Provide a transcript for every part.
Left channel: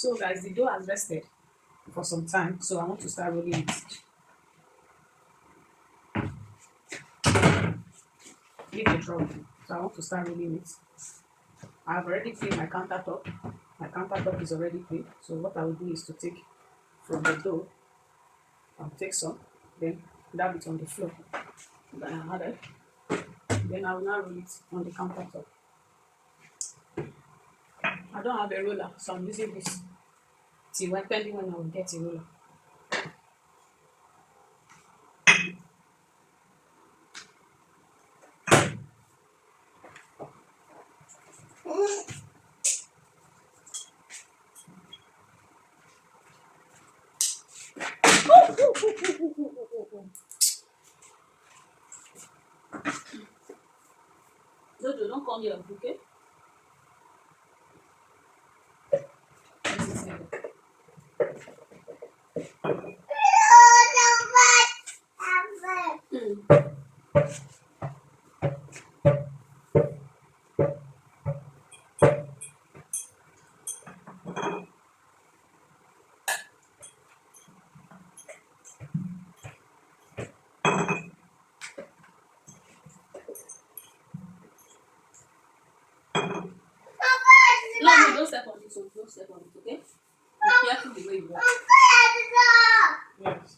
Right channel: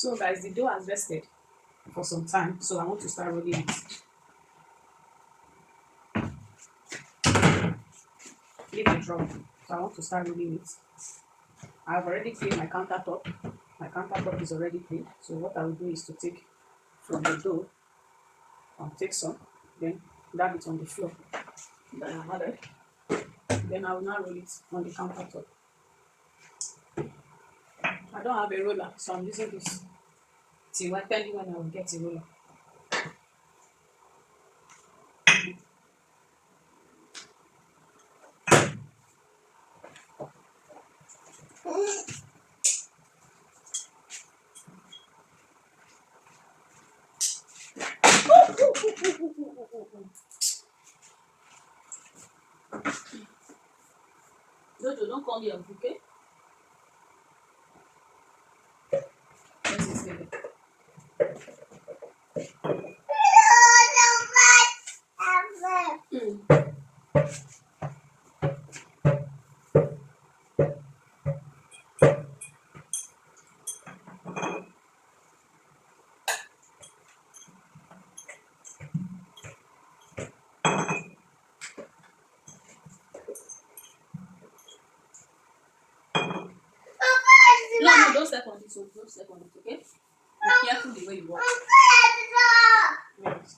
So guys, the dough has rested for some time, so I want to start rolling it. Leave the drop. So I want to start rolling it. I've already cleaned my countertop. My countertop is already clean. So what I will do is to take from the dough and take some, then dab it on the floor that I added. Then I will now roll it on the countertop. I don't have a roller, so I'm using this till depending when I will get a roller. Jojo, don't come here, okay? Let it stay there. Mm. No, don't step on this one. Don't step on it, okay? Be careful the way you walk. Yes.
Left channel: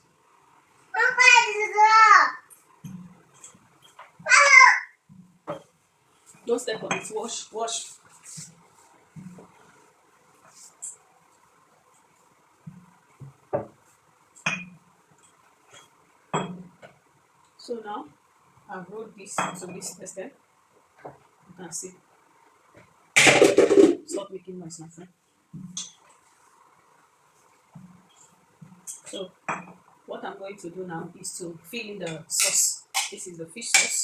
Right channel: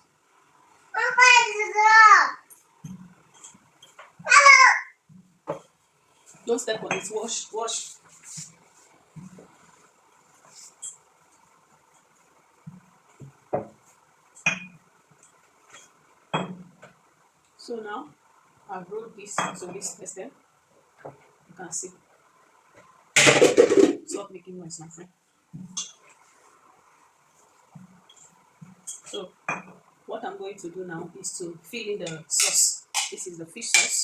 Don't step on it. Wash, wash. So now I've rolled this to this extent. You can see. Stop making noise, my friend. So what I'm going to do now is to fill in the sauce. This is the fish sauce.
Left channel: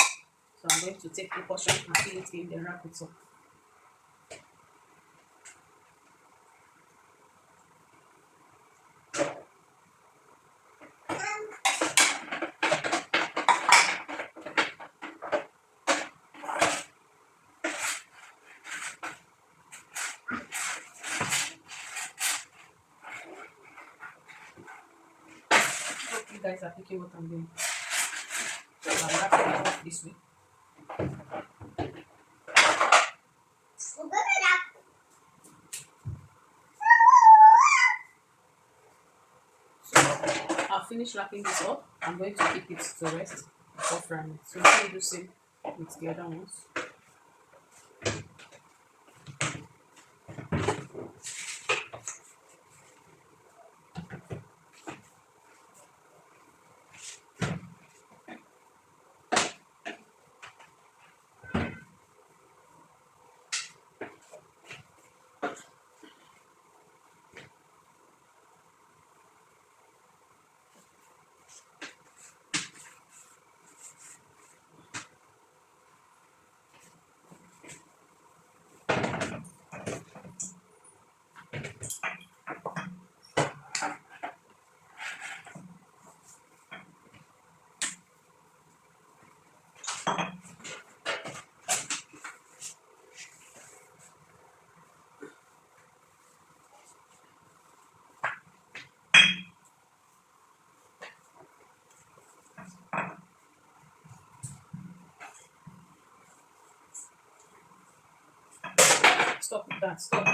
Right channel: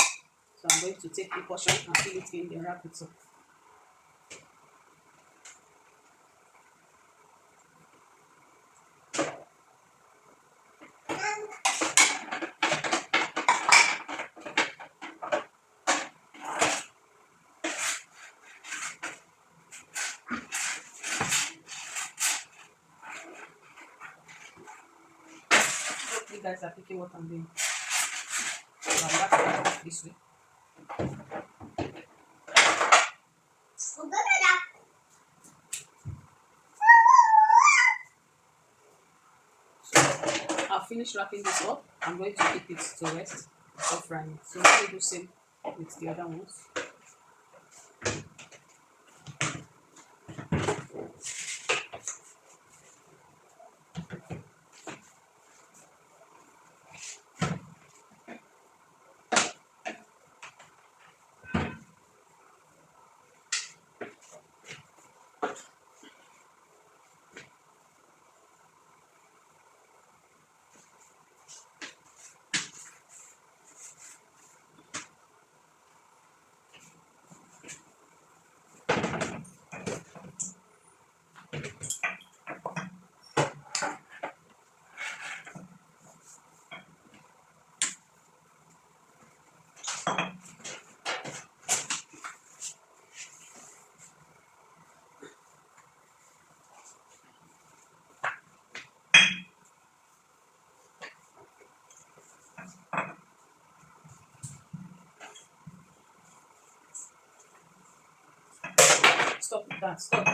So I'm going to take a portion and fill it in, then wrap it up. Hope you guys are picking what I'm doing. So I'm wrapping it up this way. I'll finish wrapping this up. I'm going to keep it to rest before frying it. So let me do the same with the other ones. Stop with that. Stop.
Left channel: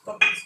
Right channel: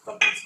Stop it.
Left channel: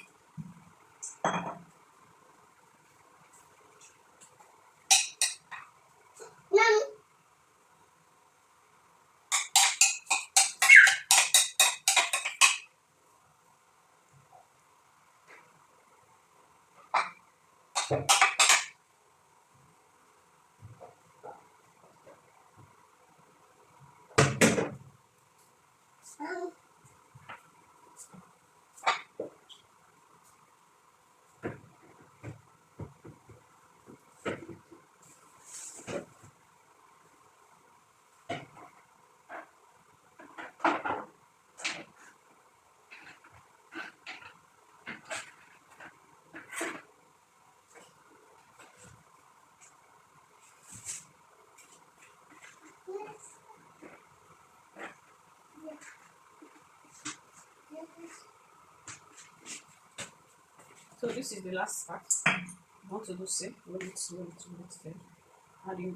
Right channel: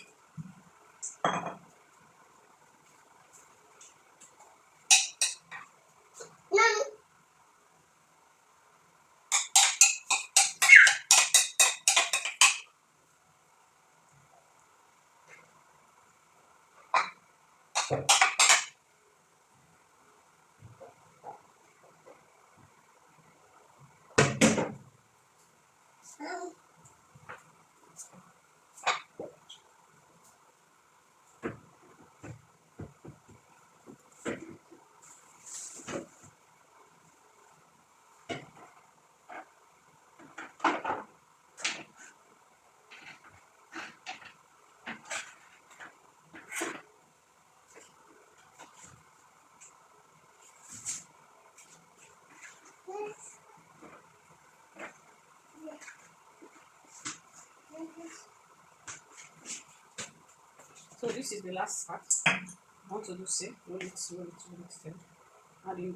this is the last part. I want to do same. Roll it, roll it, roll it. Then add in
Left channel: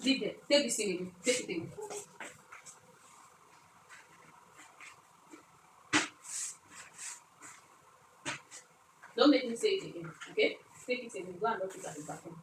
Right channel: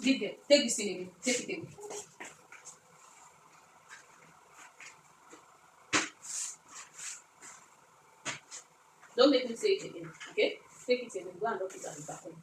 the take this thing away. Take it away. Don't make me say it again, okay? Take it away. Go and drop it at the bathroom.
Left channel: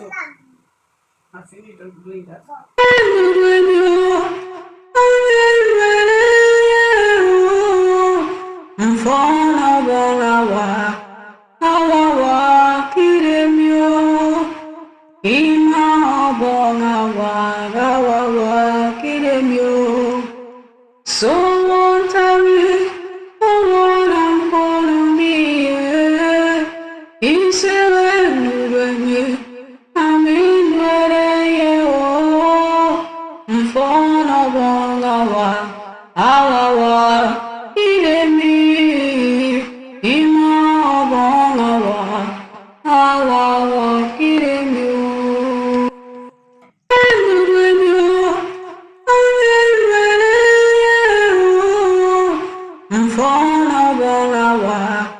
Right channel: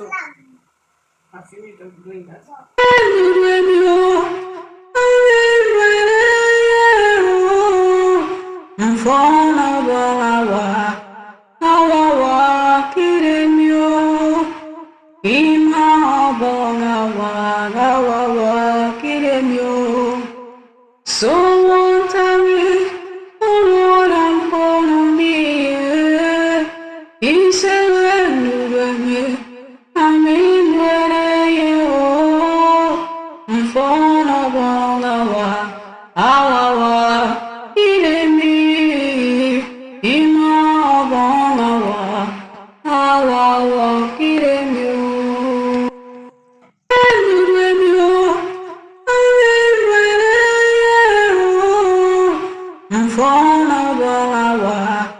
So I finished doing that. So won't I what I'm gonna be? Is it I'm in mfano bongawa awawa iremi ima bongawa awawa iremi mfano bongawa